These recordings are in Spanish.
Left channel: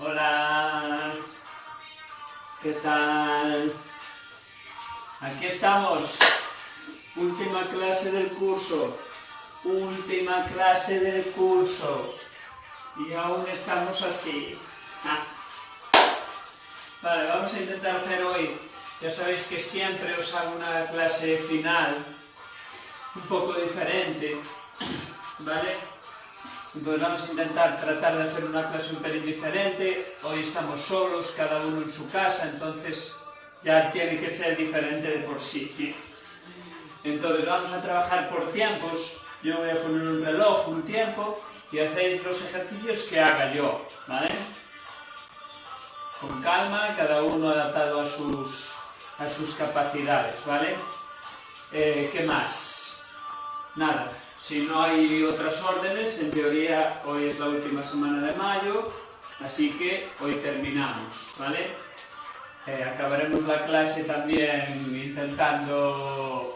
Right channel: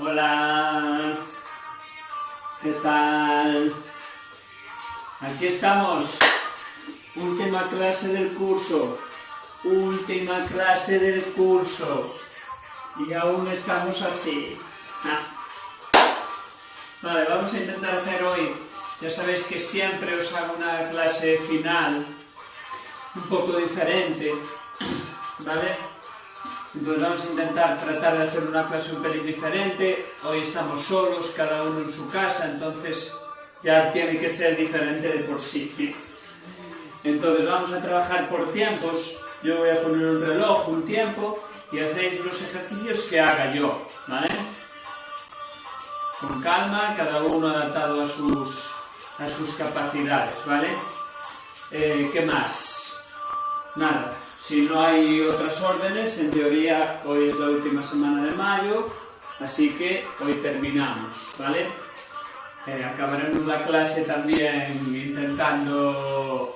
Hola, ¿qué tal? Aquí estamos, última clase del curso, y aún estamos así. Vale, vamos a intentar hacer hoy, ya sabéis que siempre os hago una clase final un poco diferente, ¿vale? Entonces vamos a intentar tratar de hacer una clase un pelín diferente. Hoy estamos solos, cada uno en su casa, entonces ya tiene que ser diferente de por sí. Entonces vamos a trabajar por tiempos. Yo voy a poner un reloj, un tiempo, y hacéis los ejercicios que haga yo, ¿vale? Con calma, cada uno adaptado a sus capacidades, ¿vale? ¿Qué más? Nada. Si no hay otras órdenes, en teoría hoy es la última semana de mayo, así que hoy terminamos, ¿vale? Acabaremos la clase también intentando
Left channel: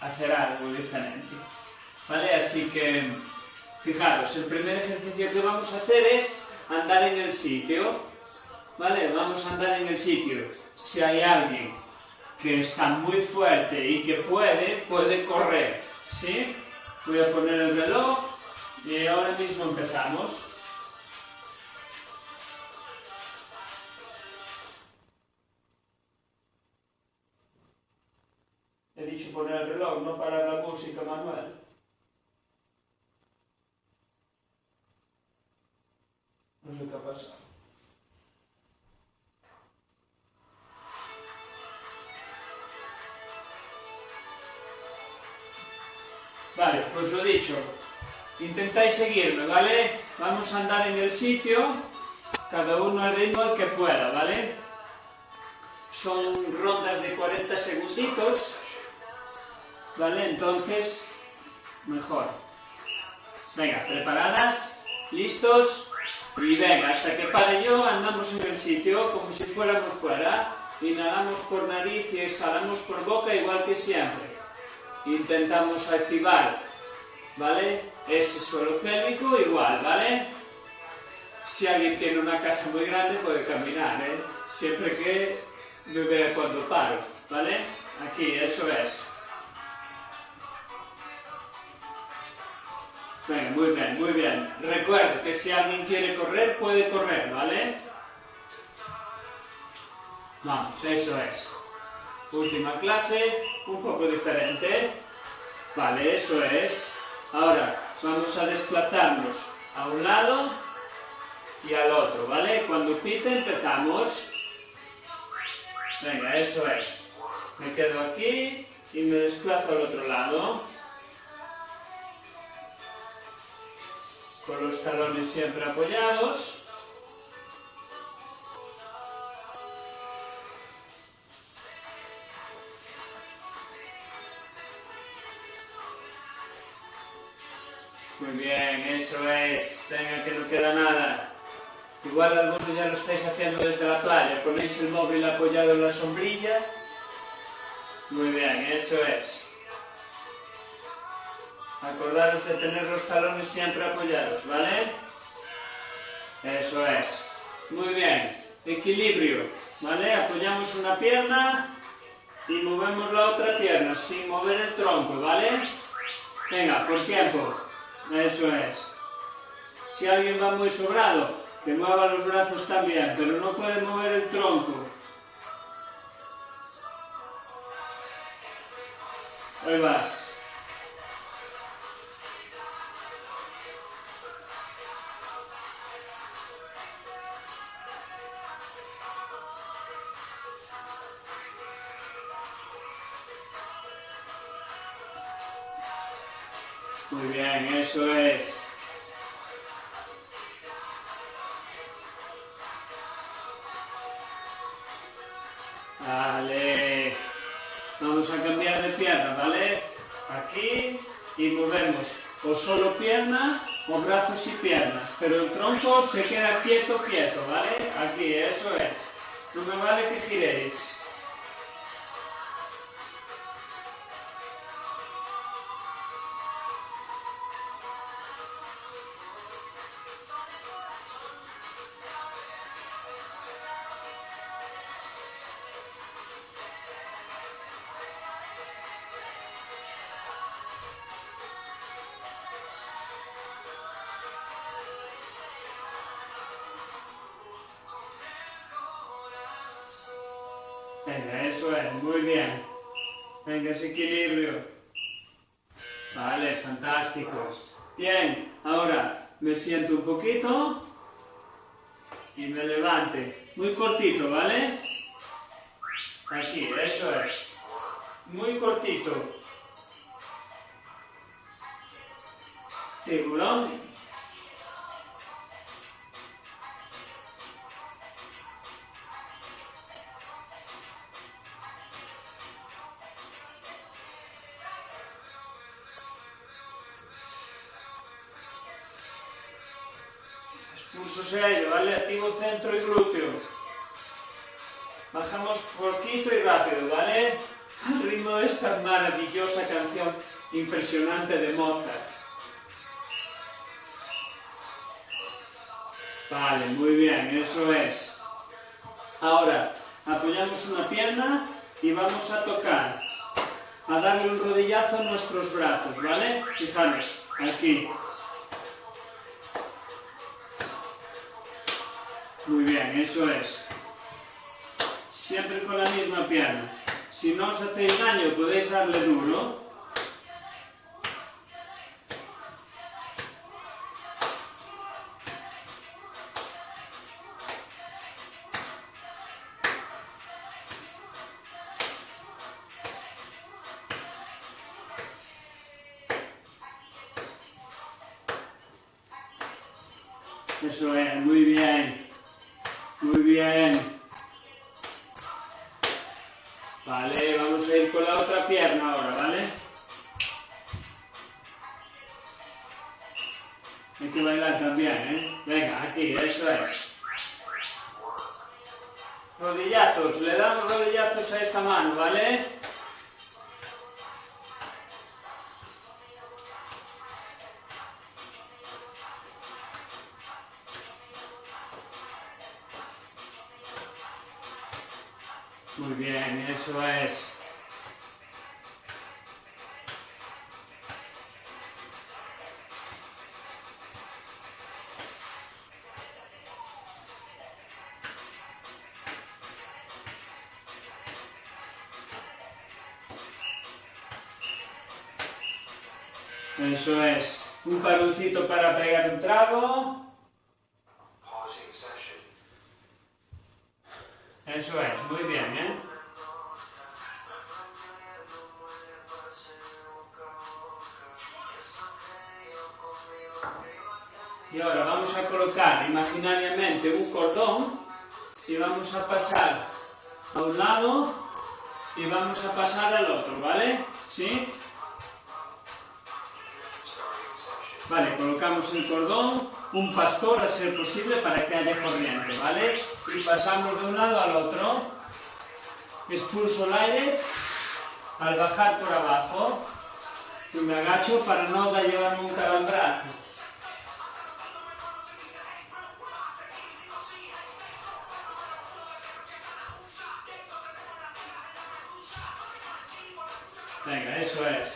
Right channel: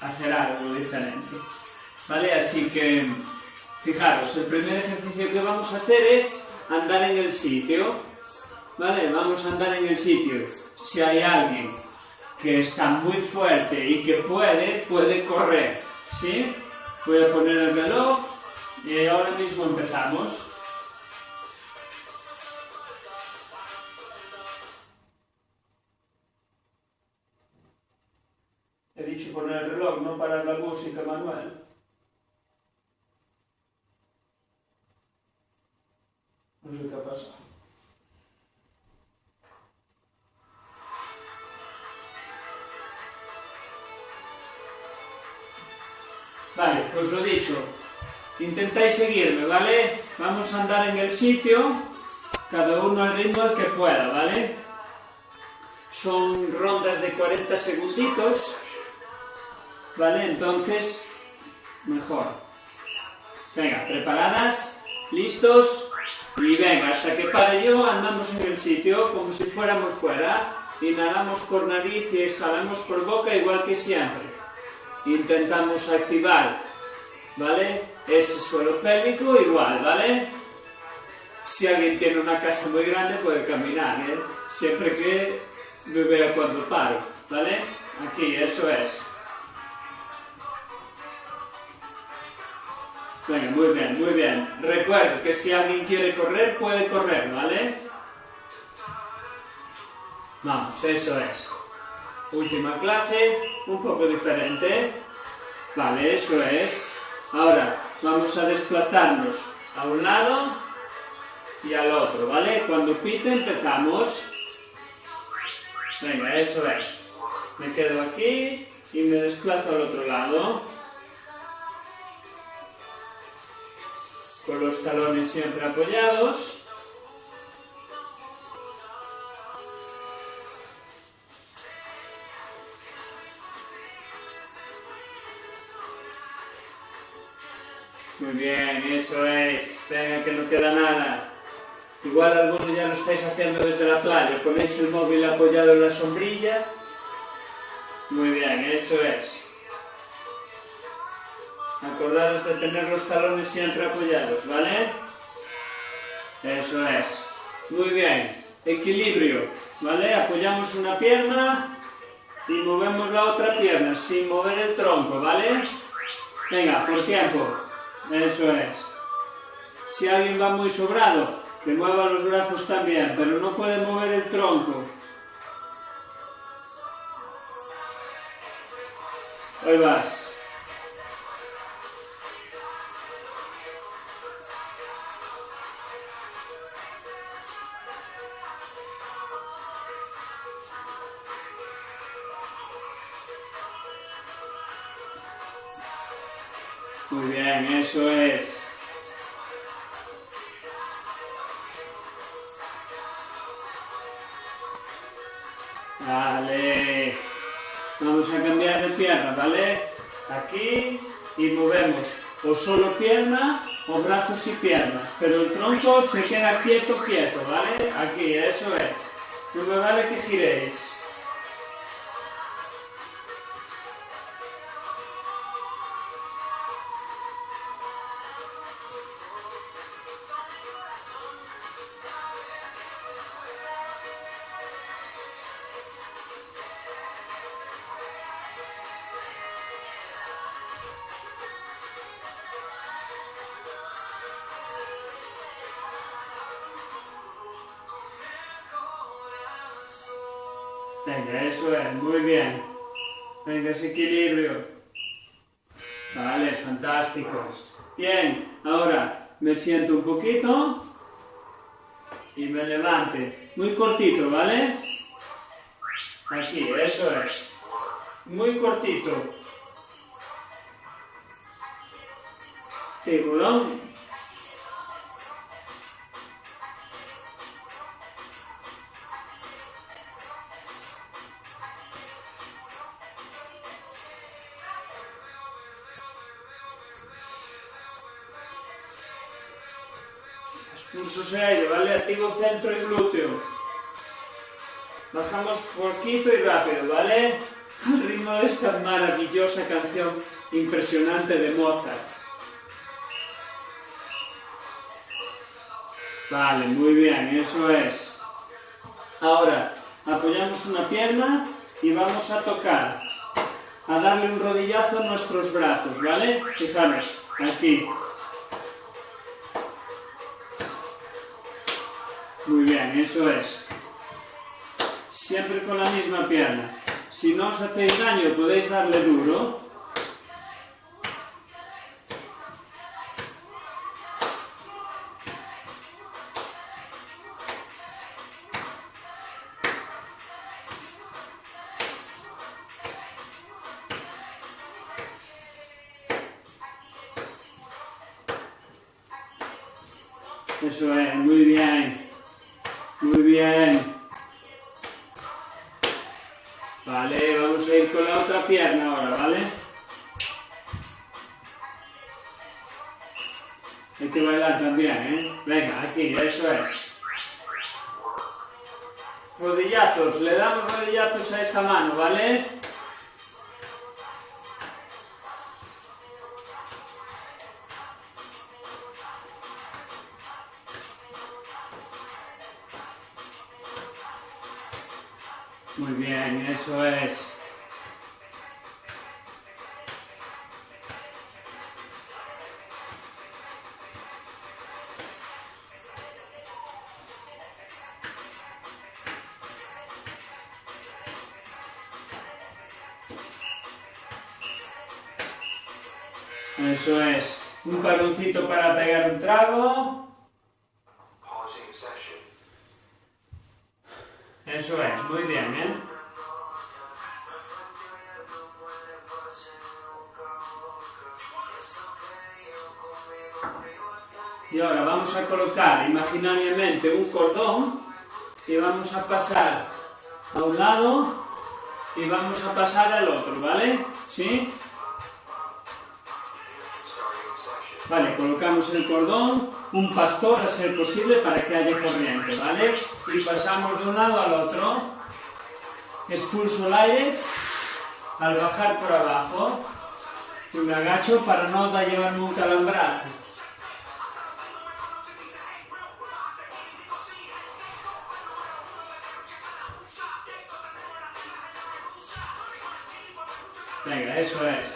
hacer algo diferente, ¿vale? Así que, fijaros, el primer ejercicio que vamos a hacer es andar en el sitio, ¿vale? Vamos a andar en el sitio. Si hay alguien que está muy fuerte y que puede correr, ¿sí? Voy a poner el reloj y ahora mismo empezamos. He dicho poner el reloj, no parar la música, Manuel. No sé qué ha pasado. Vale, pues lo dicho, intentáis seguirme, ¿vale? Vamos a andar en el sitio, cada uno al ritmo al que pueda, ¿vale? Son rondas de 40 segunditos, ¿vale? Entonces, mejor. Venga, preparadas, listos, y venga, hasta que pare yo andamos en el sitio como si fuéramos fuera, inhalamos por nariz y exhalamos por boca igual que siempre. Intentamos activar, ¿vale? Ese suelo pélvico igual, ¿vale? Si alguien tiene una casa muy grande puede caminar, ¿eh? Siempre que me vea cuando paro, ¿vale? Aquí, eso es. Venga, muy bien, muy bien. Recuerda que si alguien quiere correr, puede correr, ¿vale? Vamos, eso es. Última clase, un poco diferente. Vale, eso es. Ahora vamos a desplazarnos a un lado y al otro, ¿vale? Cuando pite empezamos. Venga, eso es. Me quedo aquí y me desplazo al otro lado. Con los talones siempre apoyados. Muy bien, eso es. Venga, que no queda nada. Igual algunos ya lo estáis haciendo desde la playa. Ponéis el móvil apoyado en la sombrilla. Muy bien, eso es. Acordaros de tener los talones siempre apoyados, ¿vale? Eso es. Muy bien. Equilibrio, ¿vale? Apoyamos una pierna y movemos la otra pierna sin mover el tronco, ¿vale? Venga, por tiempo. Eso es. Si alguien va muy sobrado, que mueva los brazos también, pero no puede mover el tronco. Ahí vas. Muy bien, eso es. Vale. Vamos a cambiar de pierna, ¿vale? Aquí y movemos o solo pierna o brazos y piernas, pero el tronco se queda quieto, ¿vale? Aquí, eso es. No me vale que giréis. Venga, eso es, muy bien. Venga, ese equilibrio. Vale, fantástico. Bien, ahora me siento un poquito y me levante. Muy cortito, ¿vale? Aquí, eso es. Muy cortito. Tiburón. Expulso sello, ¿vale? Activo centro y glúteo. Bajamos poquito y rápido, ¿vale? Al ritmo de esta maravillosa canción impresionante de Mozart. Vale, muy bien, eso es. Ahora, apoyamos una pierna y vamos a tocar, a darle un rodillazo a nuestros brazos, ¿vale? Fijaros, aquí. Muy bien, eso es. Siempre con la misma pierna. Si no os hacéis daño, podéis darle duro. Eso es, muy bien. Muy bien. Vale, vamos a ir con la otra pierna ahora, ¿vale? Hay que bailar también, ¿eh? Venga, aquí, eso es. Rodillazos, le damos rodillazos a esta mano, ¿vale? Muy bien, eso es. Eso es. Un paroncito para pegar un trago. Eso es, muy bien, ¿eh? Y ahora vamos a colocar imaginariamente un cordón y vamos a pasar a un lado y vamos a pasar al otro, ¿vale? ¿Sí? Vale, colocamos el cordón, un pastor a ser posible para que haya corriente, ¿vale? Y pasamos de un lado al otro, expulso el aire al bajar por abajo y me agacho para no llevarme un calambrazo. Venga, eso es.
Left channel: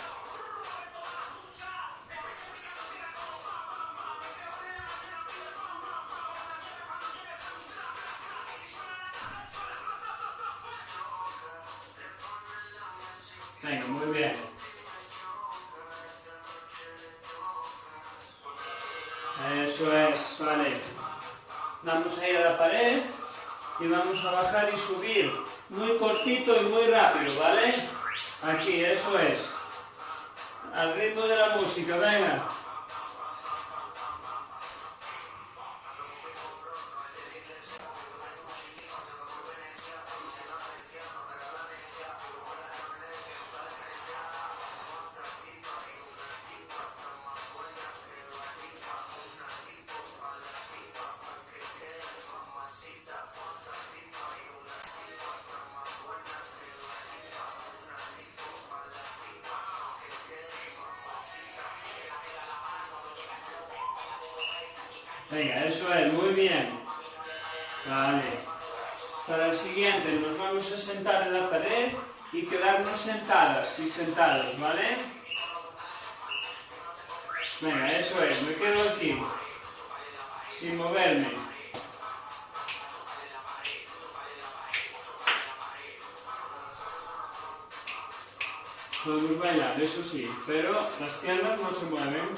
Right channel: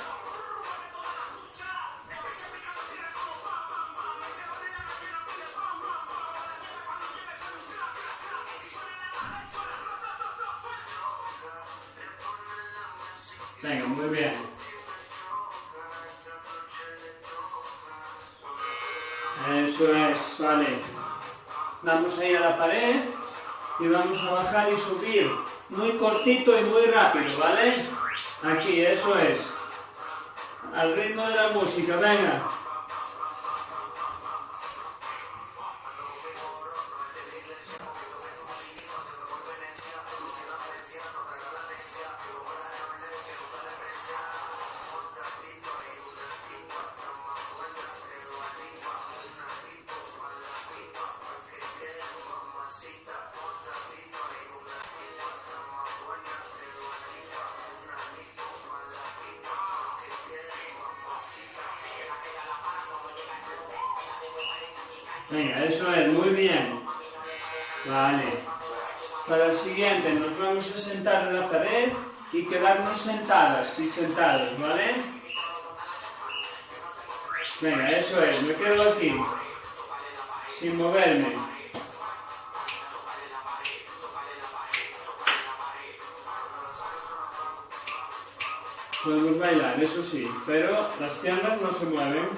Venga, muy bien. Eso es, vale. Vamos a ir a la pared y vamos a bajar y subir muy cortito y muy rápido, ¿vale? Aquí, eso es. Al ritmo de la música, venga. Venga, eso es, muy bien. Vale. Para el siguiente nos vamos a sentar en la pared y quedarnos sentadas y sentados, ¿vale? Venga, eso es, me quedo aquí, sin moverme. Podemos bailar, eso sí, pero las piernas no se mueven.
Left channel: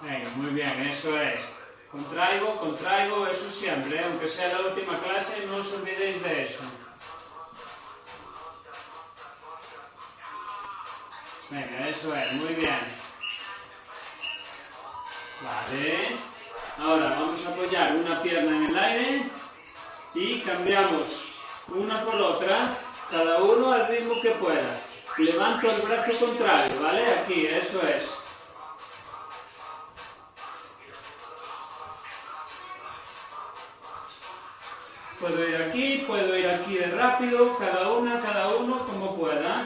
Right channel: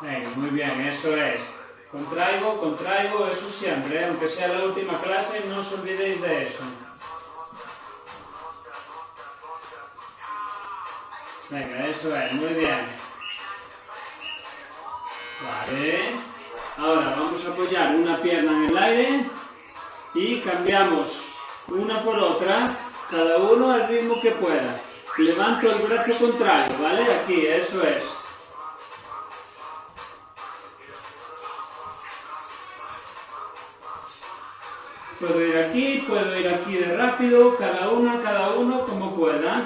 Venga, muy bien, eso es. Contraigo, contraigo, eso siempre, ¿eh? Aunque sea la última clase, no os olvidéis de eso. Venga, eso es, muy bien. Vale. Ahora vamos a apoyar una pierna en el aire y cambiamos una por otra, cada uno al ritmo que pueda. Levanto el brazo contrario, ¿vale? Aquí, eso es. Puedo ir aquí de rápido, cada uno como pueda.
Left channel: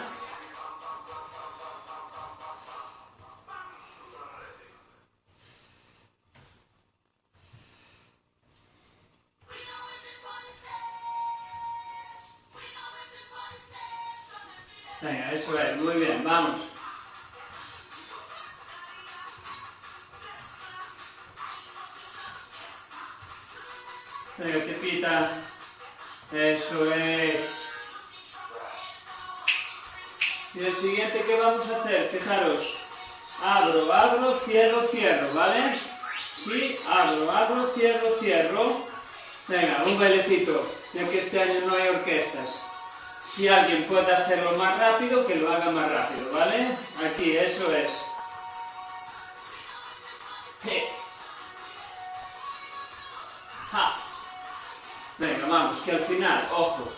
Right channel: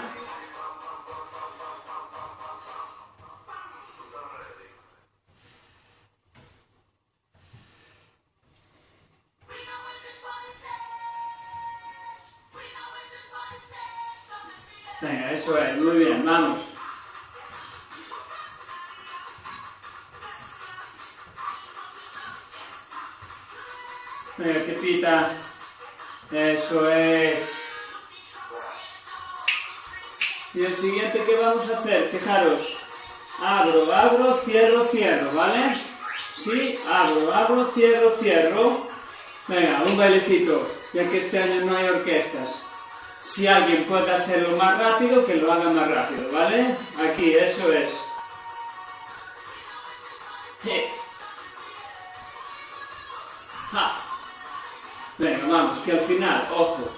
Venga, eso es, muy bien, vamos. Venga, que pita. Eso es. Y el siguiente que vamos a hacer, fijaros. Abro, abro, cierro, cierro, ¿vale? Sí, abro, abro, cierro, cierro. Venga, un bailecito, ya que este año no hay orquestas. Si alguien puede hacerlo más rápido, que lo haga más rápido, ¿vale? Aquí, eso es. Ja. Venga, vamos, que al final, ojo,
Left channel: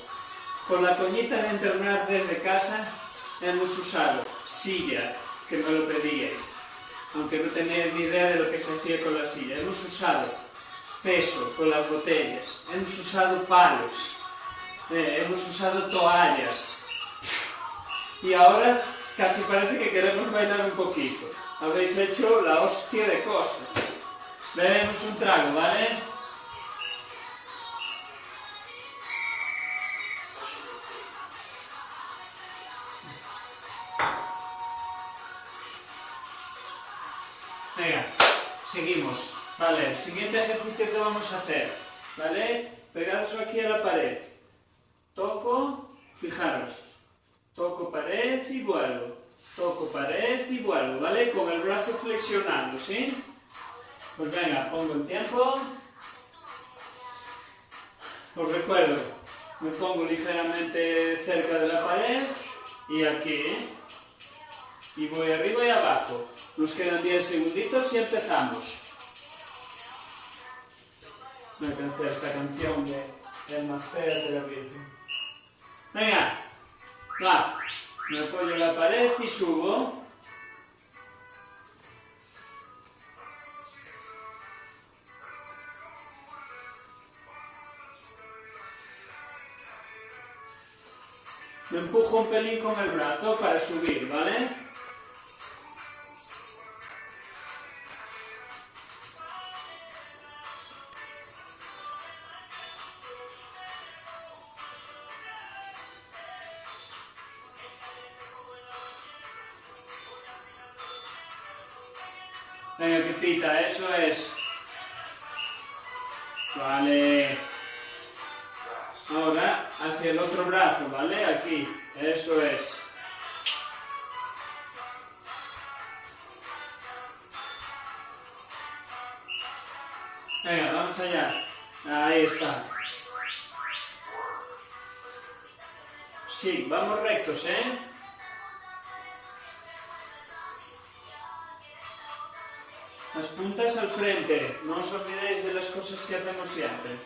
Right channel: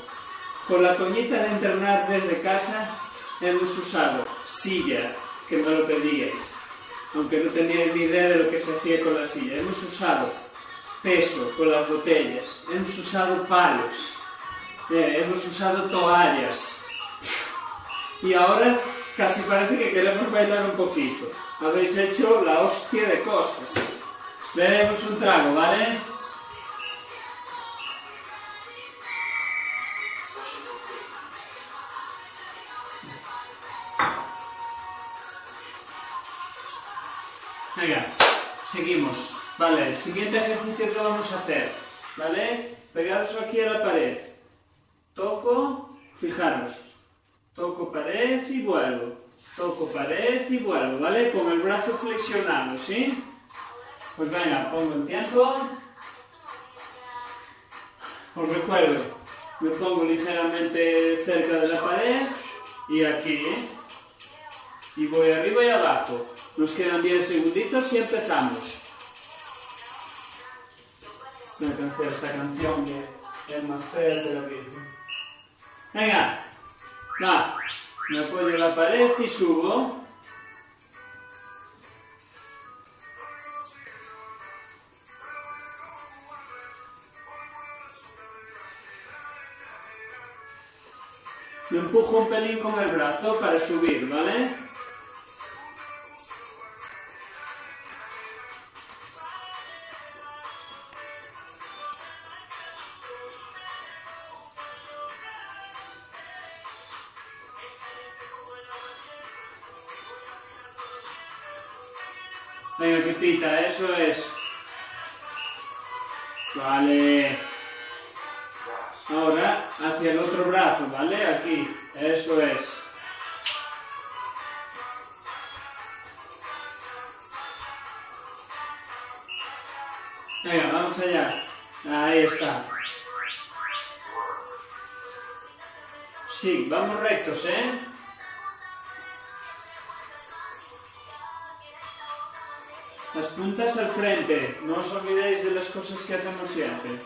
con la coñita de entrenar desde casa hemos usado silla, que me lo pedíais, aunque no teníais ni idea de lo que se hacía con la silla. Hemos usado peso con las botellas, hemos usado palos, hemos usado toallas y ahora casi parece que queremos bailar un poquito. Habéis hecho la hostia de cosas. Bebemos un trago, ¿vale? Venga, seguimos. Vale, el siguiente ejercicio que vamos a hacer, ¿vale? Pegados aquí a la pared. Toco, fijaros. Toco pared y vuelvo. Toco pared y vuelvo, ¿vale? Con el brazo flexionado, ¿sí? Pues venga, pongo el tiempo. Os recuerdo, me pongo ligeramente cerca de la pared y aquí, ¿eh? Y voy arriba y abajo. Nos quedan 10 segunditos y empezamos. Me cansé esta canción que es más fea de la vida. Venga, va. Me apoyo en la pared y subo. Me empujo un pelín con el brazo para subir, ¿vale? Venga, que pita, eso es. Vale. Ahora hacia el otro brazo, ¿vale? Aquí, eso es. Venga, vamos allá. Ahí está. Sí, vamos rectos, ¿eh? Las puntas al frente. No os olvidéis de las cosas que hacemos siempre.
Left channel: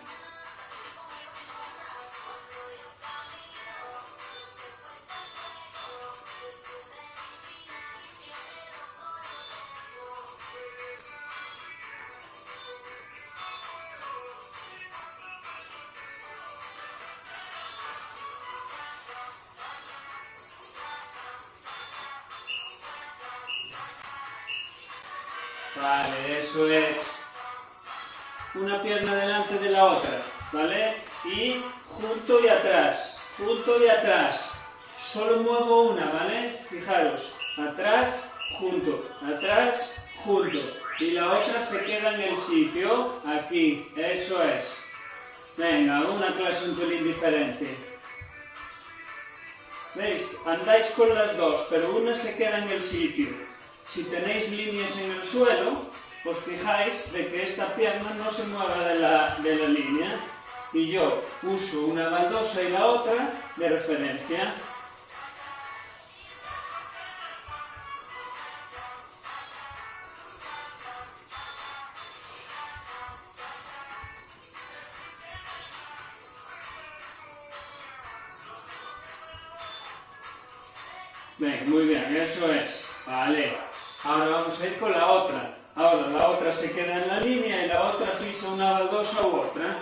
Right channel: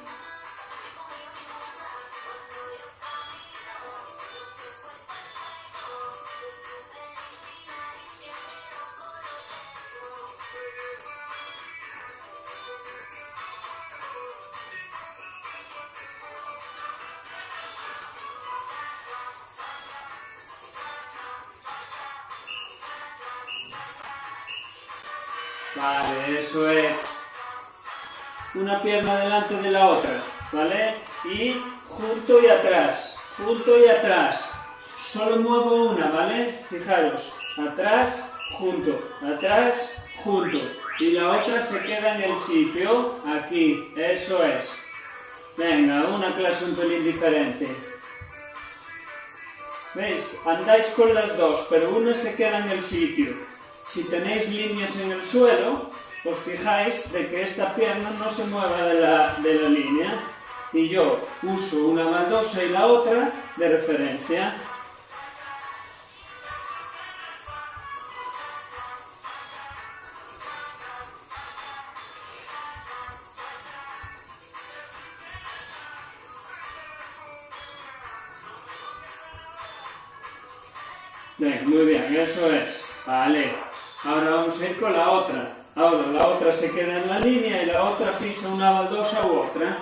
Vale, eso es. Una pierna delante de la otra, ¿vale? Y junto y atrás, junto y atrás. Solo muevo una, ¿vale? Fijaros, atrás, junto, y la otra se queda en el sitio, aquí, eso es. Venga, una clase un pelín diferente. ¿Veis? Andáis con las dos, pero una se queda en el sitio. Si tenéis líneas en el suelo, os fijáis de que esta pierna no se mueva de la línea. Y yo uso una baldosa y la otra de referencia. Venga, muy bien, eso es. Vale. Ahora vamos a ir con la otra. Ahora la otra se queda en la línea y la otra pisa una baldosa u otra.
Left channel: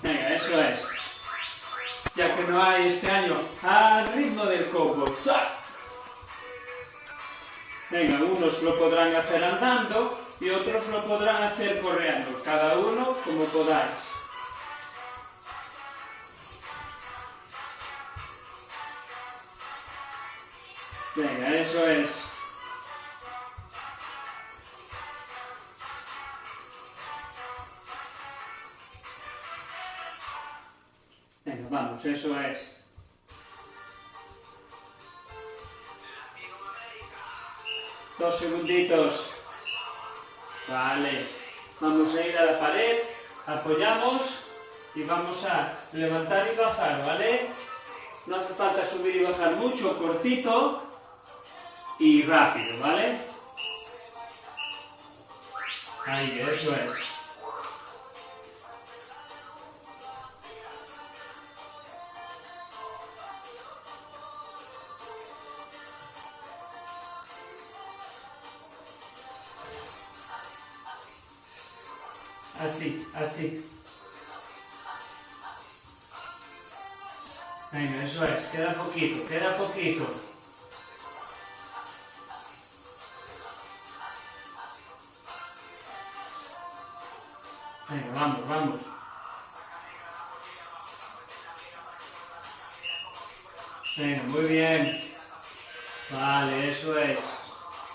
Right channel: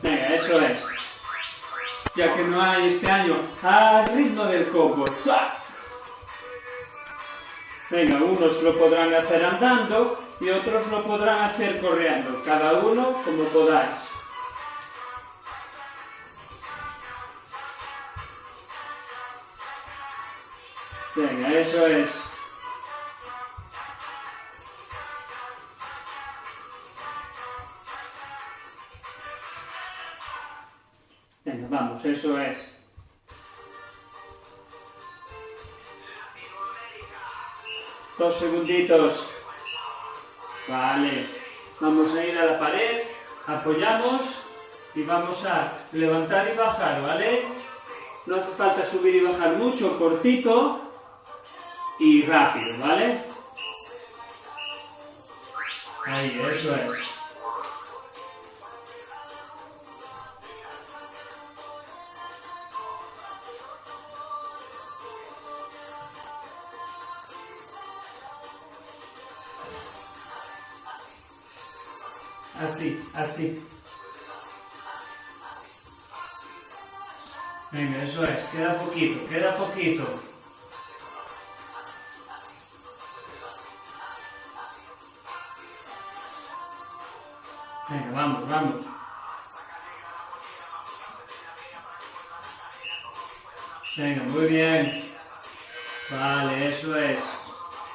Venga, eso es. Ya que no hay este año al ritmo del cowboy. Venga, unos lo podrán hacer andando y otros lo podrán hacer corriendo. Cada uno como podáis. Venga, eso es. Venga, vamos, eso es. Dos segunditos. Vale. Vamos a ir a la pared, apoyamos y vamos a levantar y bajar, ¿vale? No hace falta subir y bajar mucho, cortito y rápido, ¿vale? Ahí, eso es. Así, así. Venga, eso es. Queda poquito, queda poquito. Venga, vamos, vamos. Venga, muy bien. Vale, eso es.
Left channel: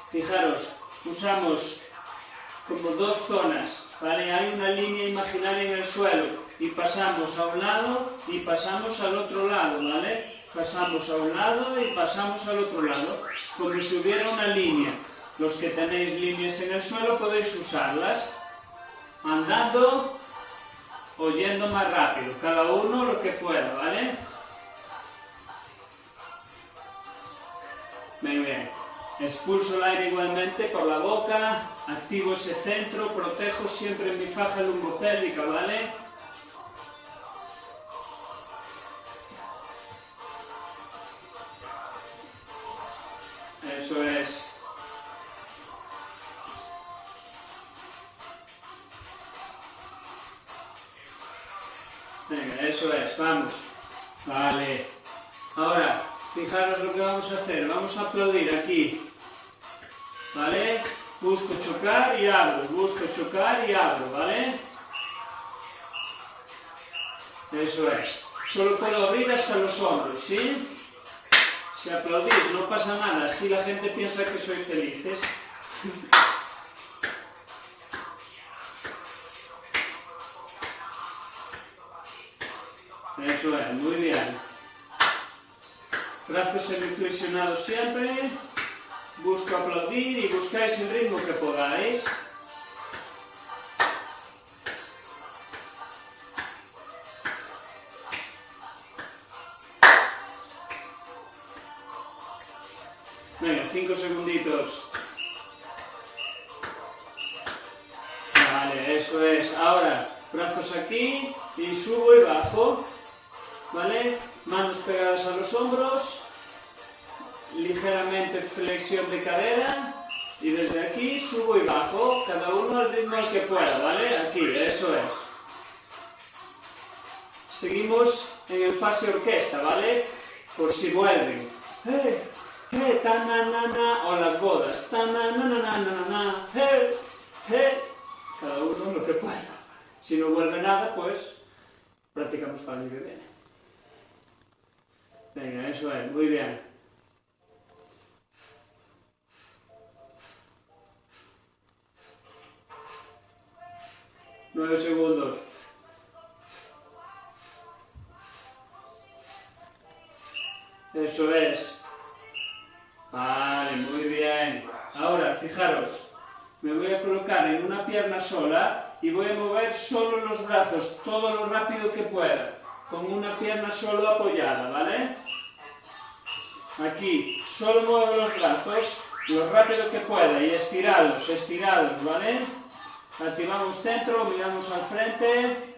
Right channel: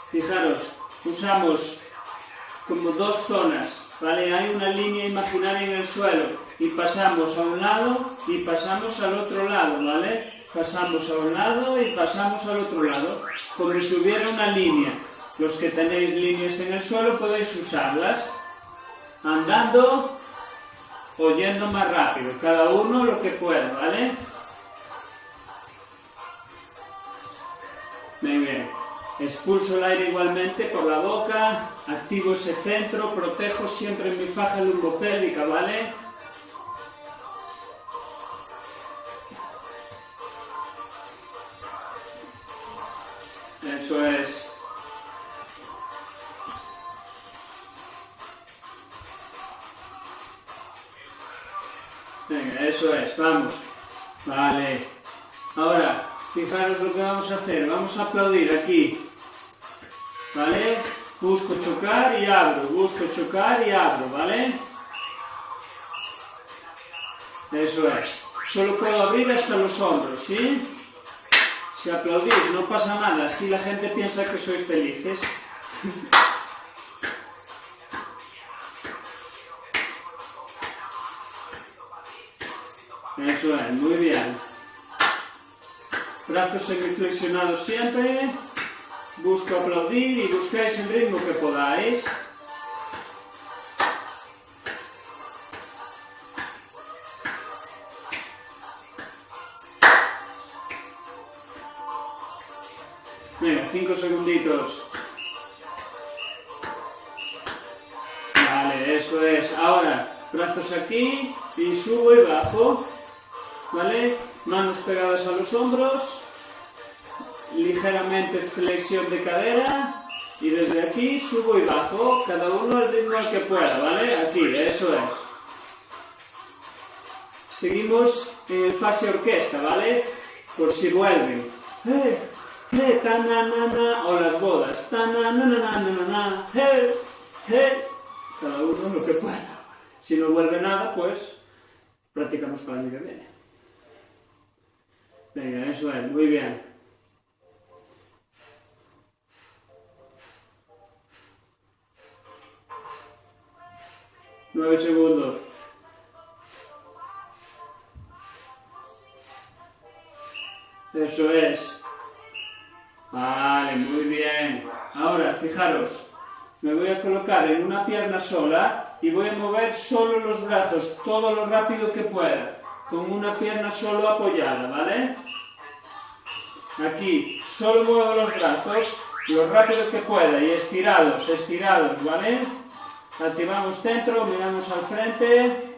Fijaros, usamos como dos zonas. ¿Vale? Hay una línea imaginaria en el suelo y pasamos a un lado y pasamos al otro lado, ¿vale? Pasamos a un lado y pasamos al otro lado, como si hubiera una línea. Los que tenéis líneas en el suelo podéis usarlas andando o yendo más rápido, cada uno lo que pueda, ¿vale? Muy bien. Expulso el aire igualmente por la boca, activo ese centro, protejo siempre mi faja lumbopélvica, ¿vale? Eso es. Venga, eso es, vamos. Vale. Ahora, fijaros lo que vamos a hacer. Vamos a aplaudir aquí. ¿Vale? Busco chocar y abro. Busco chocar y abro, ¿vale? Eso es. Solo puedo abrir hasta los hombros, ¿sí? Si aplaudís no pasa nada. Así la gente piensa que sois felices. Eso es, muy bien. Brazos semiflexionados siempre. Busco aplaudir y buscáis el ritmo que podáis. Venga, 5 segunditos. Vale, eso es. Ahora, brazos aquí y subo y bajo. ¿Vale? Manos pegadas a los hombros. Ligeramente flexión de cadera. Y desde aquí subo y bajo. Cada uno al ritmo que pueda, ¿vale? Aquí, eso es. Seguimos en fase orquesta, ¿vale? Por si vuelven. Ta na na na, o las bodas. Ta na na na na na na. Cada uno lo que pueda. Si no vuelve nada, pues practicamos para el año que viene. Venga, eso es, muy bien. 9 segundos. Eso es. Vale, muy bien. Ahora, fijaros, me voy a colocar en una pierna sola y voy a mover solo los brazos, todo lo rápido que pueda, con una pierna solo apoyada, ¿vale? Aquí, solo muevo los brazos, lo rápido que pueda y estirados, estirados, ¿vale? Activamos centro, miramos al frente.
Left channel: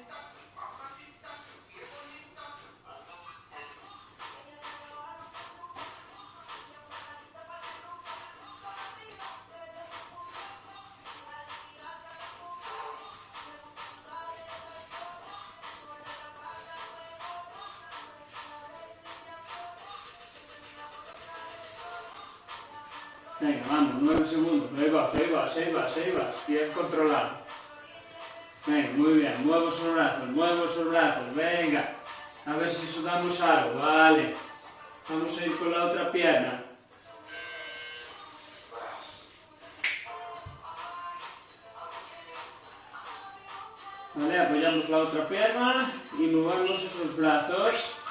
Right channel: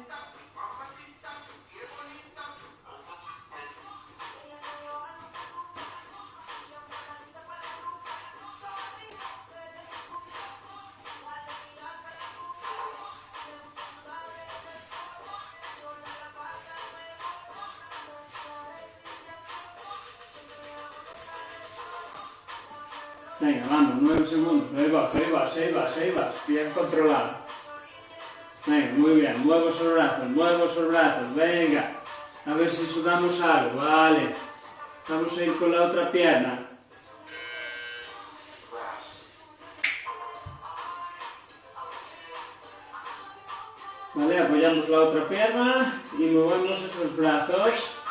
Venga, vamos, 9 segundos, ahí vas, ahí vas, ahí vas, ahí vas, bien controlado. Venga, muy bien, muevo esos brazos, venga, a ver si sudamos algo, vale. Vamos a ir con la otra pierna. Vale, apoyamos la otra pierna y movemos esos brazos.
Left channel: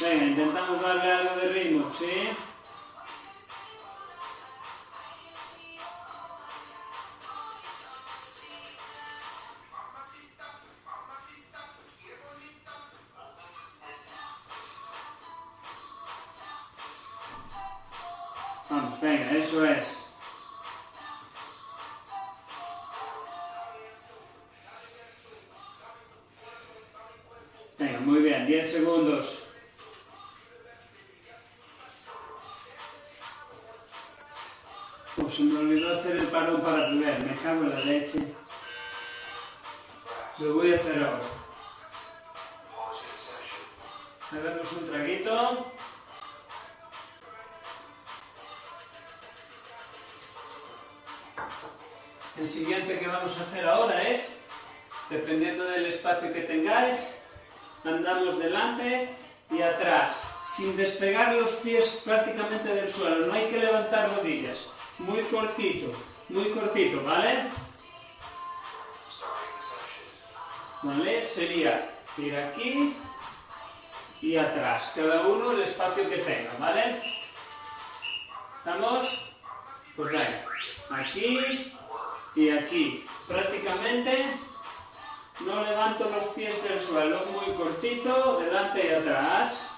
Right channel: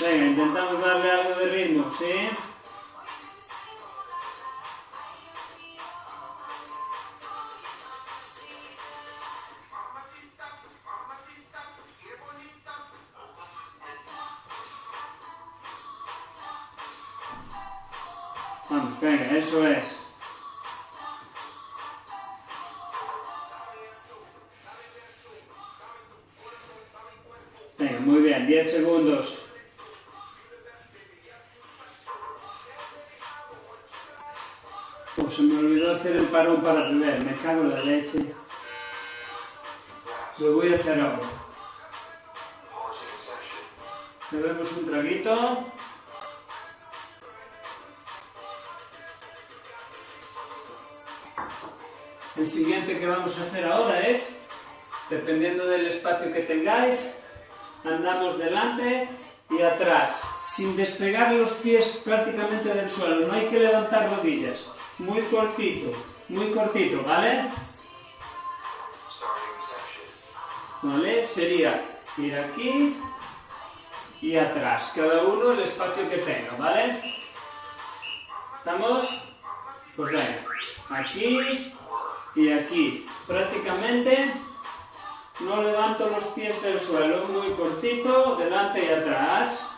Venga, intentamos darle algo de ritmo, ¿sí? Vamos, venga, eso es. Venga, muy bien, 10 segundos. Se me olvidó hacer el parón para beber, me cago en la leche. Lo voy a hacer ahora. Bebemos un traguito. El siguiente que vamos a hacer ahora es, dependiendo del espacio que tengáis, andamos delante y atrás, sin despegar los pies prácticamente del suelo, no hay que levantar rodillas, muy cortito, ¿vale? ¿Vale? Sería ir aquí y atrás, cada uno el espacio que tenga, ¿vale? ¿Estamos? Pues venga, aquí y aquí, prácticamente no levanto los pies del suelo, muy cortito, delante y atrás.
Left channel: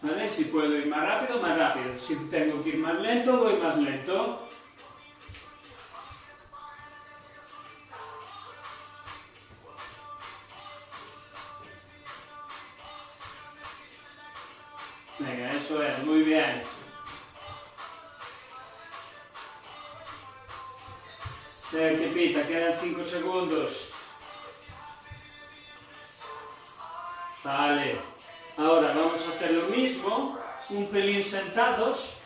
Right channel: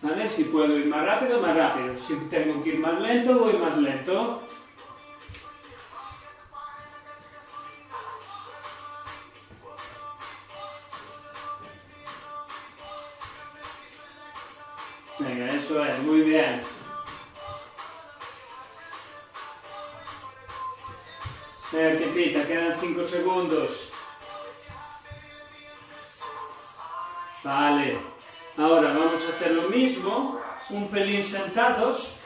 ¿Vale? Si puedo ir más rápido, más rápido. Si tengo que ir más lento, voy más lento. Venga, eso es, muy bien. A ver qué pita, quedan 5 segundos. Vale. Ahora vamos a hacer lo mismo, un pelín sentados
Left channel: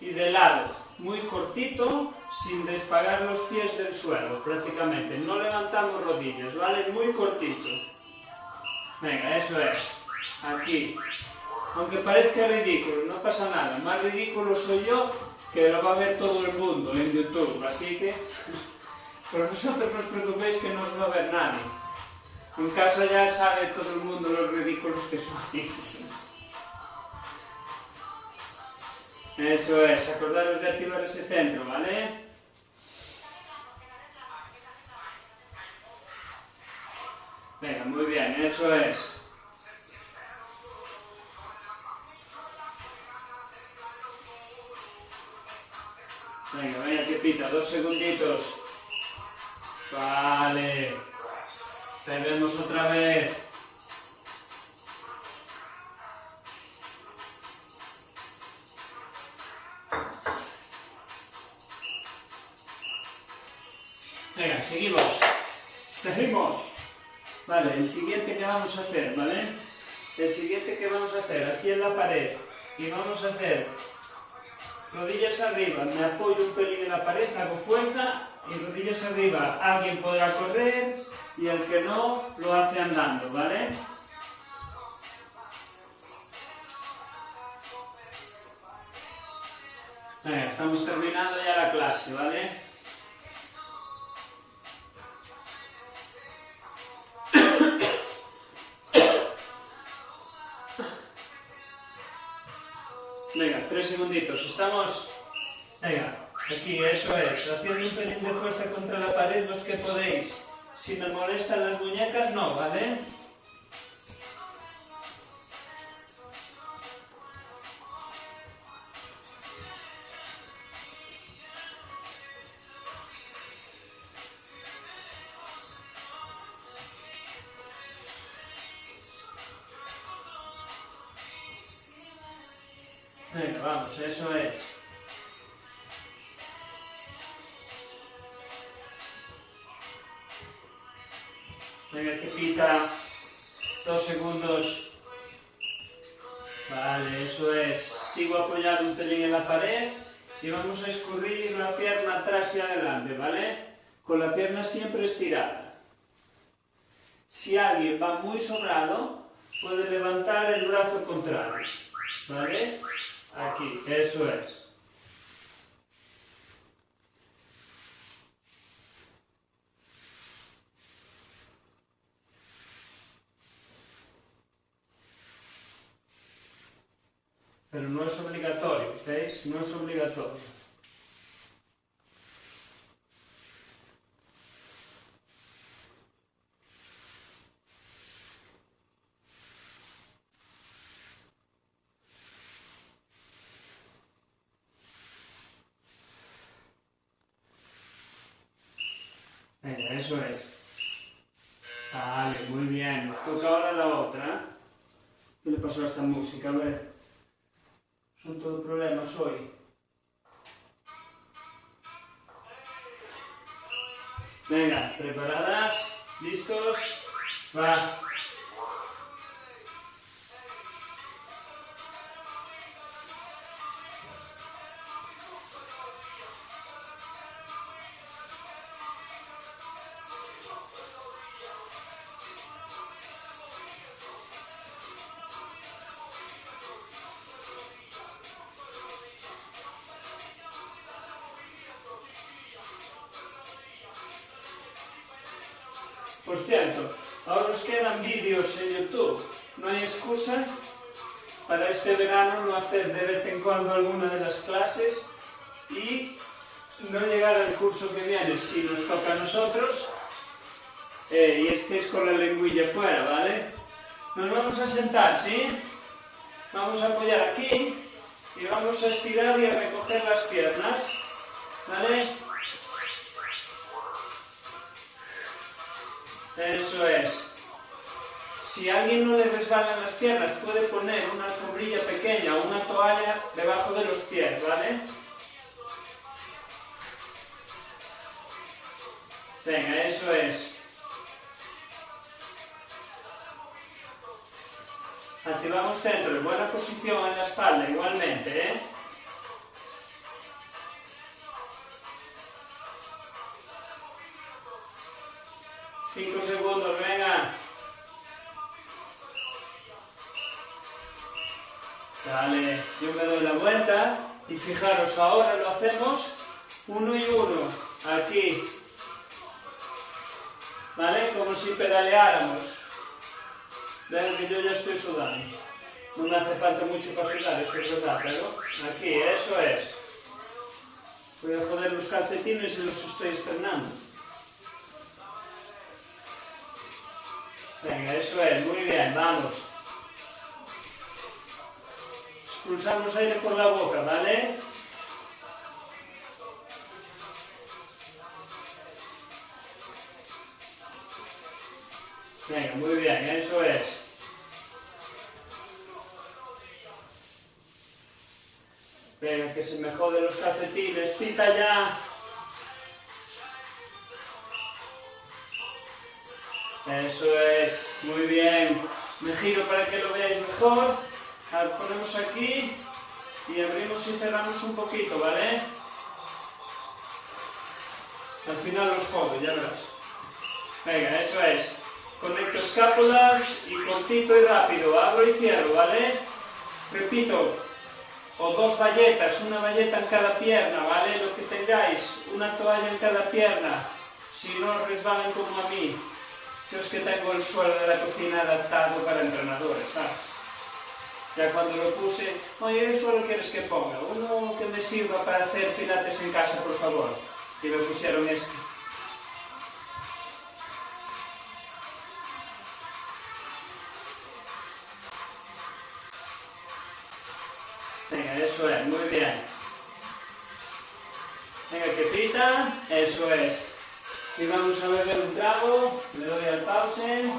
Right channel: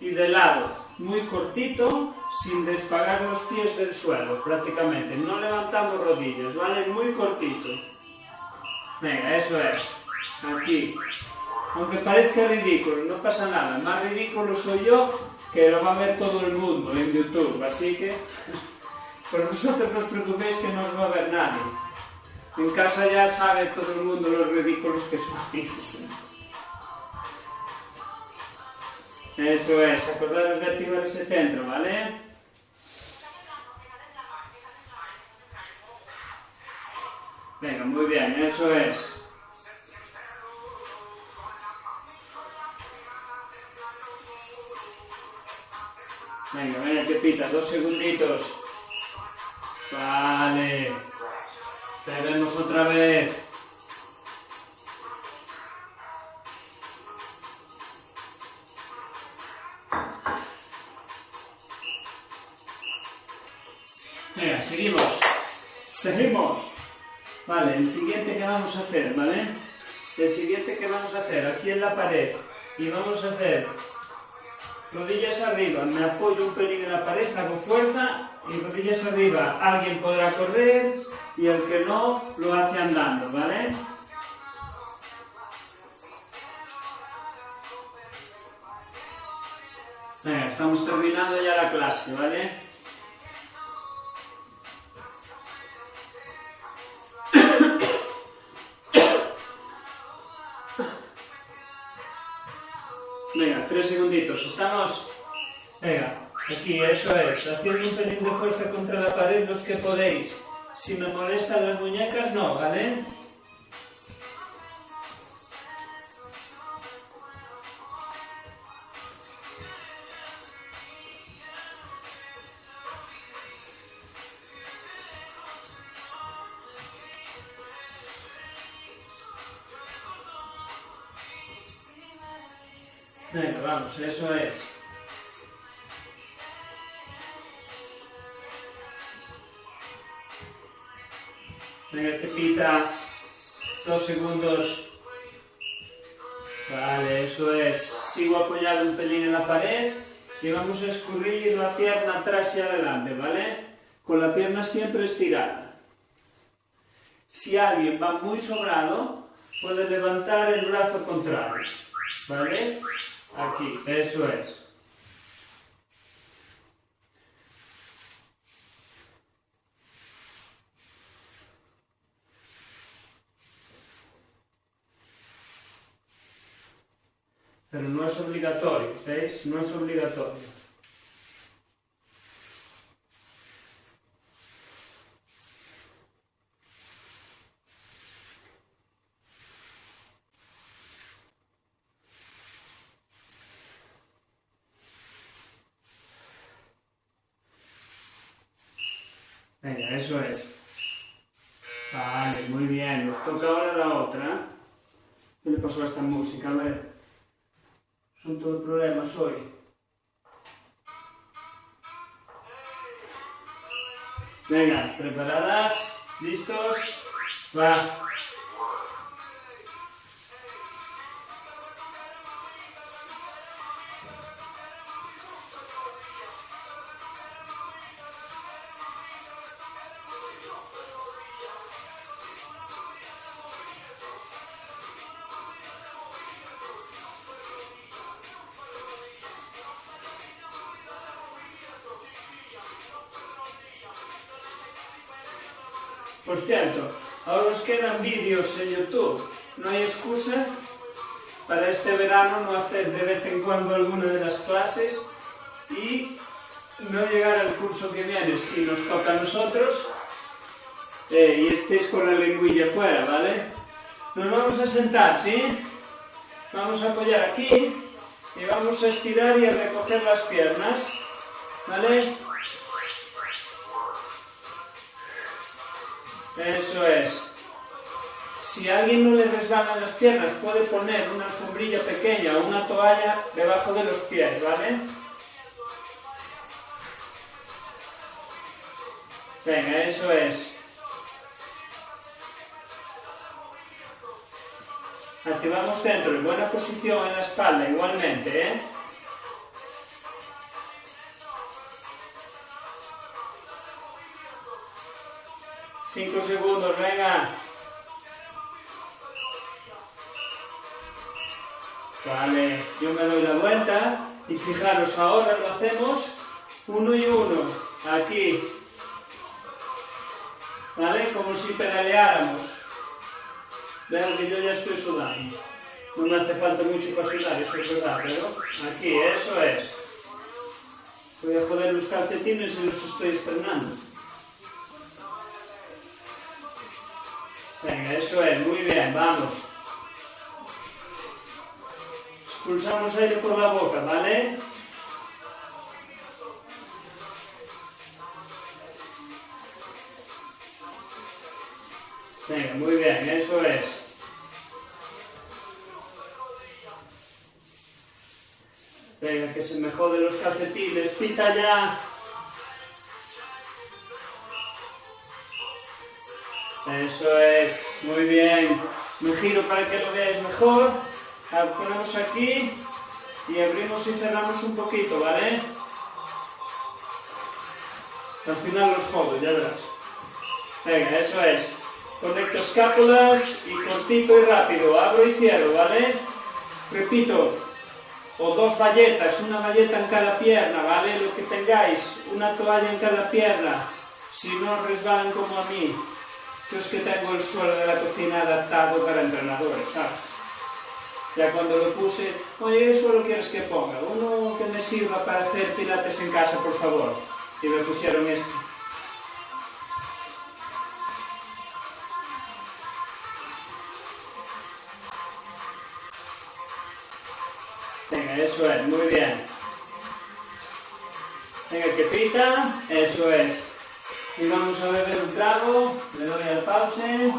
y de lado, muy cortito, sin despegar los pies del suelo, prácticamente. No levantamos rodillas, ¿vale? Muy cortito. Venga, eso es. Aquí. Aunque parezca ridículo, no pasa nada. Más ridículo soy yo, que lo va a ver todo el mundo en YouTube. Así que, pero vosotros no os preocupéis que no os va a ver nadie. En casa ya sabe todo el mundo los ridículos que sois. Eso es, acordaros de activar ese centro, ¿vale? Venga, muy bien, eso es. Venga, venga, que pita, 2 segunditos. Vale. Bebemos otra vez. Venga, seguimos. Vale, el siguiente que vamos a hacer, ¿vale? El siguiente que vamos a hacer, aquí en la pared. Y vamos a hacer rodillas arriba, me apoyo un pelín en la pared, hago fuerza y rodillas arriba. Alguien podrá correr y el que no, lo hace andando, ¿vale? Venga, estamos terminando ya la clase, ¿vale? 3 segunditos. ¿Estamos? Venga, aquí, eso es. Haciendo un pelín de fuerza contra la pared los que podéis. Si me molestan las muñecas, no, ¿vale? Venga, vamos, eso es. Venga, te quita 2 segundos. Vale, eso es. Sigo apoyado un pelín en la pared y vamos a escurrir la pierna atrás y adelante, ¿vale? Con la pierna siempre estirada. Si alguien va muy sobrado, puede levantar el brazo contrario, ¿vale? Aquí, eso es. Pero no es obligatorio, ¿veis? No es obligatorio. Venga, eso es. Vale, muy bien. Nos toca ahora la otra. ¿Qué le pasó a esta música? A ver. Son todos problemas hoy. Venga, ¿preparadas? ¿Listos? Va. Por cierto, ahora os quedan vídeos en YouTube. No hay excusa para este verano no hacer de vez en cuando alguna de las clases y no llegar al curso que viene si nos toca a nosotros y estéis con la lengüilla fuera, ¿vale? Nos vamos a sentar, ¿sí? Vamos a apoyar aquí y vamos a estirar y a recoger las piernas, ¿vale? Eso es. Si a alguien no le resbalan las piernas, puede poner una alfombrilla pequeña o una toalla debajo de los pies, ¿vale? Venga, eso es. Activamos centro y buena posición en la espalda igualmente, ¿eh? Cinco segundos, venga. Vale, yo me doy la vuelta y fijaros, ahora lo hacemos 1 y 1, aquí. ¿Vale? Como si pedaleáramos. Vean que yo ya estoy sudando. No me hace falta mucho para sudar, esto es verdad, pero aquí, eso es. Voy a joder los calcetines y los estoy estrenando. Venga, eso es, muy bien, vamos. Expulsamos aire por la boca, ¿vale? Venga, muy bien, eso es. Venga, que se me jode los calcetines, cita ya. Eso es, muy bien. Me giro para que lo veáis mejor. Lo ponemos aquí y abrimos y cerramos un poquito, ¿vale? Al final los jodo, ya verás. Venga, eso es. Conecto escápulas y cortito y rápido. Abro y cierro, ¿vale? Repito. O 2 bayetas, una bayeta en cada pierna, ¿vale? Lo que tengáis, una toalla en cada pierna. Si no resbalan como a mí. Yo es que tengo el suelo de la cocina adaptado para entrenadores, ¿sabes? Ya cuando lo puse, oye, ¿eso lo quieres que ponga? Uno que me sirva para hacer pilates en casa, por favor. Y me pusieron este. Venga, eso es, muy bien. Venga, que pita, eso es. Y vamos a beber un trago, le doy al pause.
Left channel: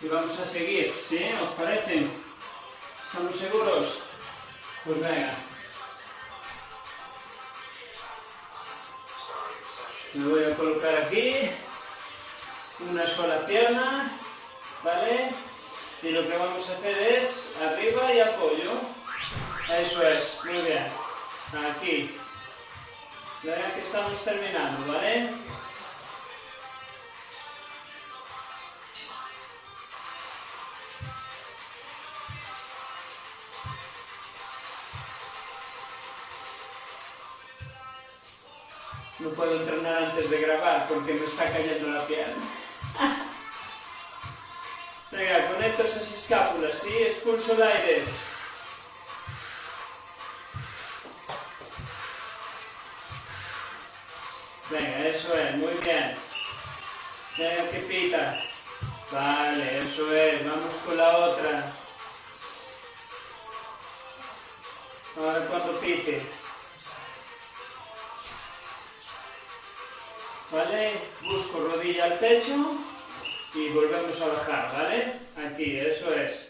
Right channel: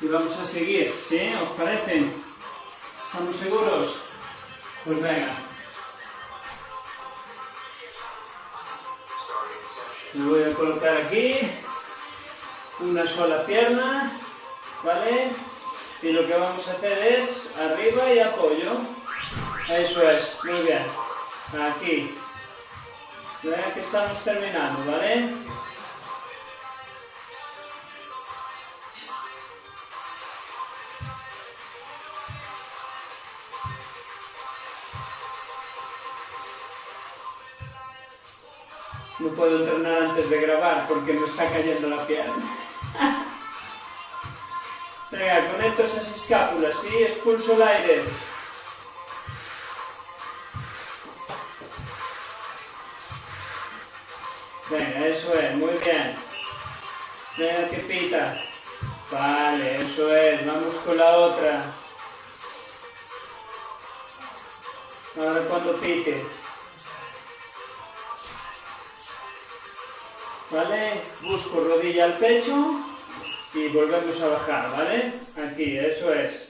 Y vamos a seguir, ¿sí? ¿Os parece? ¿Estamos seguros? Pues venga. Me voy a colocar aquí una sola pierna, ¿vale? Y lo que vamos a hacer es arriba y apoyo. Eso es, muy bien. Aquí. Venga, que estamos terminando, ¿vale? No puedo entrenar antes de grabar porque me está cayendo la pierna. Venga, conecto esas escápulas, ¿sí? Expulso el aire. Venga, eso es, muy bien. Venga, que pita. Vale, eso es, vamos con la otra. Ahora cuando pite. ¿Vale? Busco rodilla al pecho y volvemos a bajar, ¿vale? Aquí, eso es.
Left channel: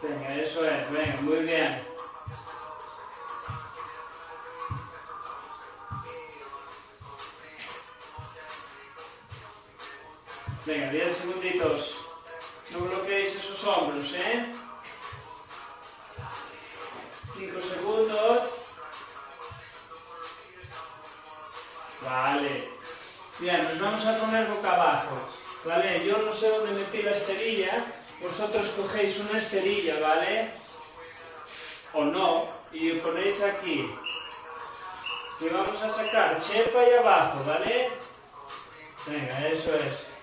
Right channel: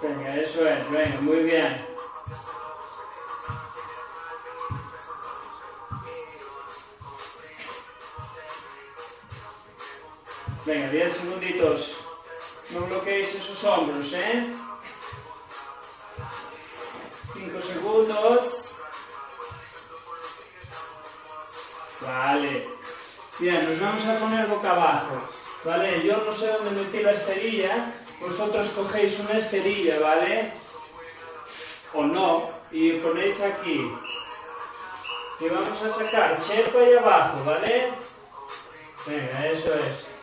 Venga, eso es, venga, muy bien. Venga, 10 segunditos. No bloqueéis esos hombros, ¿eh? 5 segundos. Vale. Mira, nos vamos a poner boca abajo. ¿Vale? Yo no sé dónde metí la esterilla. Vosotros cogéis una esterilla, ¿vale? O no. Y ponéis aquí. Y vamos a sacar chepa ahí abajo, ¿vale? Venga, eso es.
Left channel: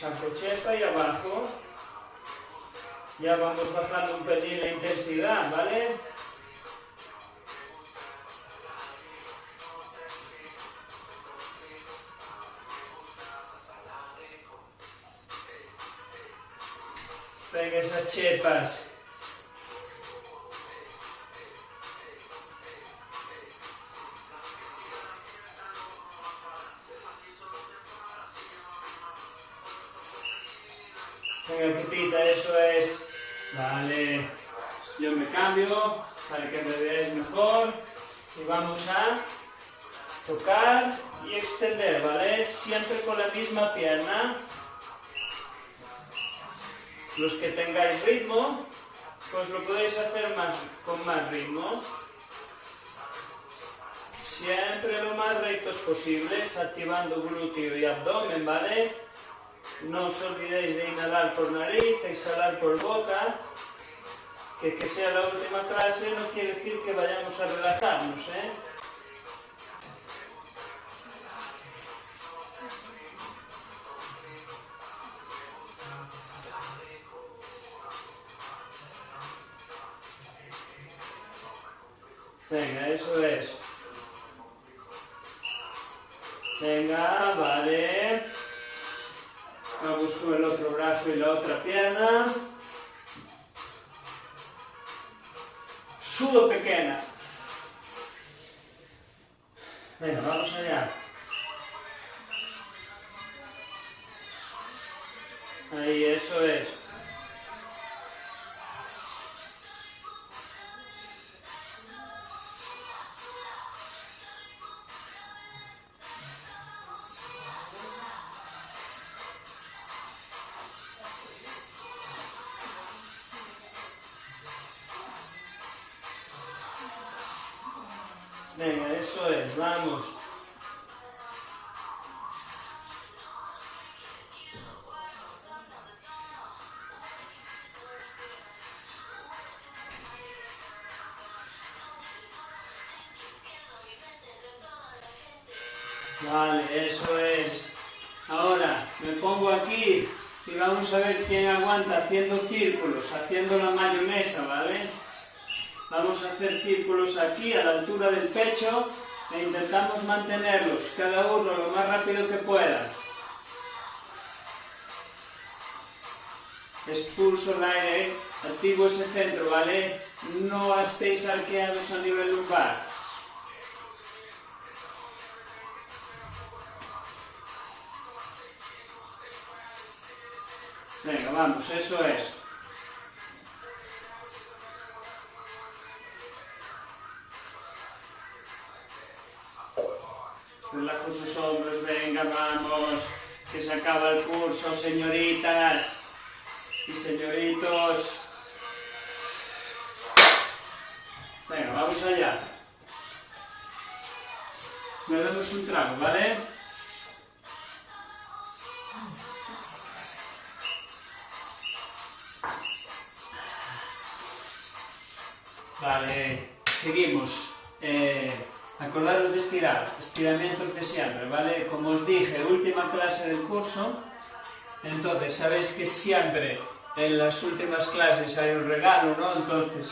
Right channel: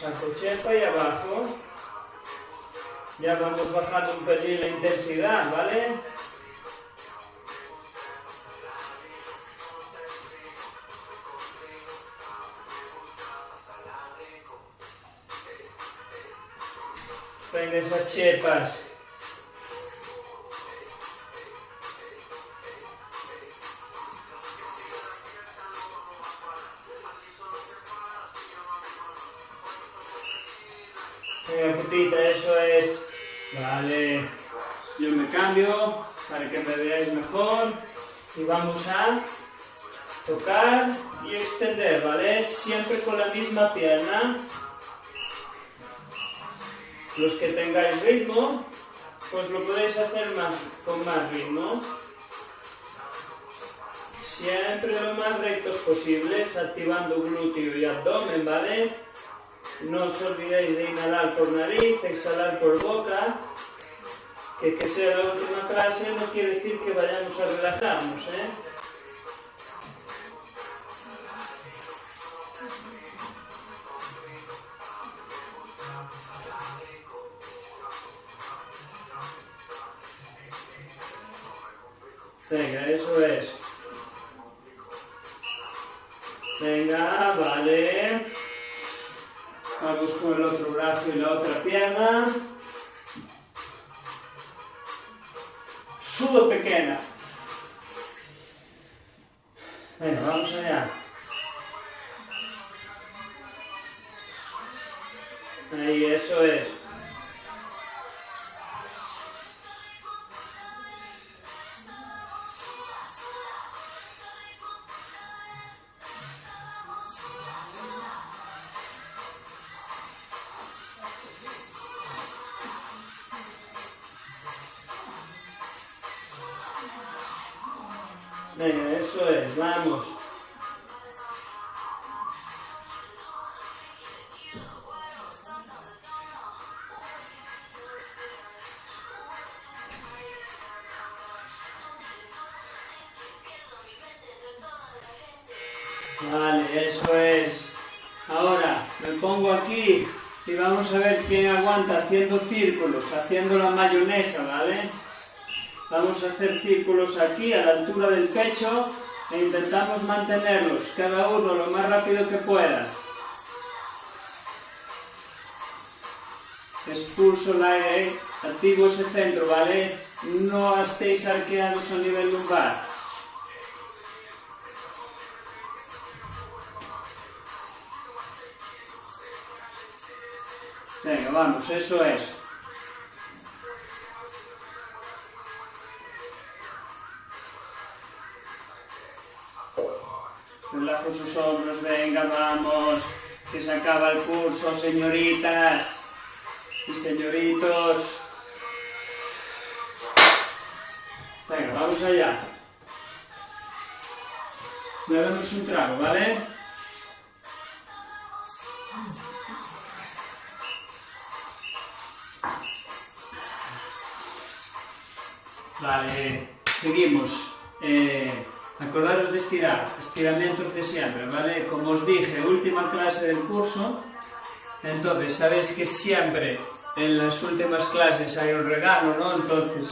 Saco chepa y abajo. Ya vamos bajando un pelín la intensidad, ¿vale? Venga, esas chepas. Venga, putita, eso es. Vale. Yo me cambio para que me veáis mejor. Y vamos a tocar y extender, ¿vale? Siempre con la misma pierna. Los que tengáis ritmo, pues lo podéis hacer con más ritmo. Siempre lo más rectos posibles, activando glúteo y abdomen, ¿vale? No os olvidéis de inhalar por nariz, exhalar por boca. Que sea la última clase no quiere decir que vayamos a relajarnos, ¿eh? Venga, eso es. Venga, vale. Vamos con el otro brazo y la otra pierna. Sudo pequeña. Venga, vamos allá. Ahí, eso es. Venga, eso es, vamos. Vale, eso es. Ahora me pongo aquí y vamos a ver quién aguanta haciendo círculos, haciendo la mayonesa, ¿vale? Vamos a hacer círculos aquí a la altura del pecho e intentamos mantenerlos, cada uno lo más rápido que pueda. Expulso el aire, activo ese centro, ¿vale? No estéis arqueados a nivel lumbar. Venga, vamos, eso es. Relajo sus hombros, venga, vamos, que se acaba el curso, señoritas y señoritos. Venga, vamos allá. Le damos un trago, ¿vale? Vale, seguimos. Acordaros de estirar, estiramientos de siempre, ¿vale? Como os dije, última clase del curso, entonces sabéis que siempre en las últimas clases hay un regalo, ¿no? Entonces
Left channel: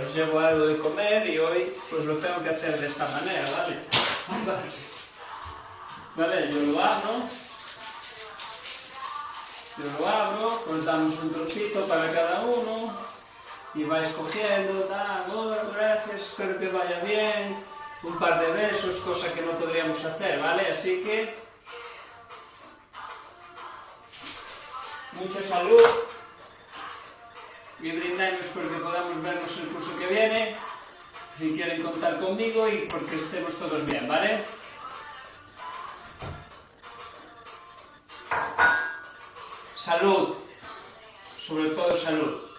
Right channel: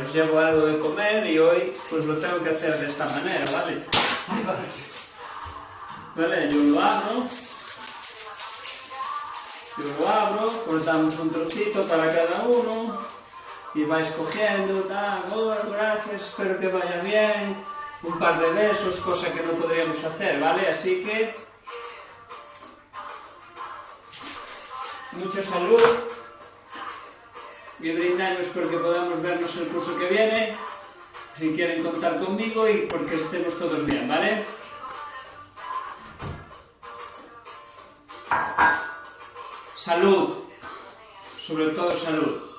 os llevo algo de comer y hoy pues lo tengo que hacer de esta manera, ¿vale? Vale, yo lo abro, cortamos un trocito para cada uno. Y vais cogiendo, gracias, espero que vaya bien, un par de besos, cosa que no podríamos hacer, ¿vale? Así que, mucha salud y brindamos porque podamos vernos el curso que viene, si quieren contar conmigo y porque estemos todos bien, ¿vale? Salud, sobre todo salud.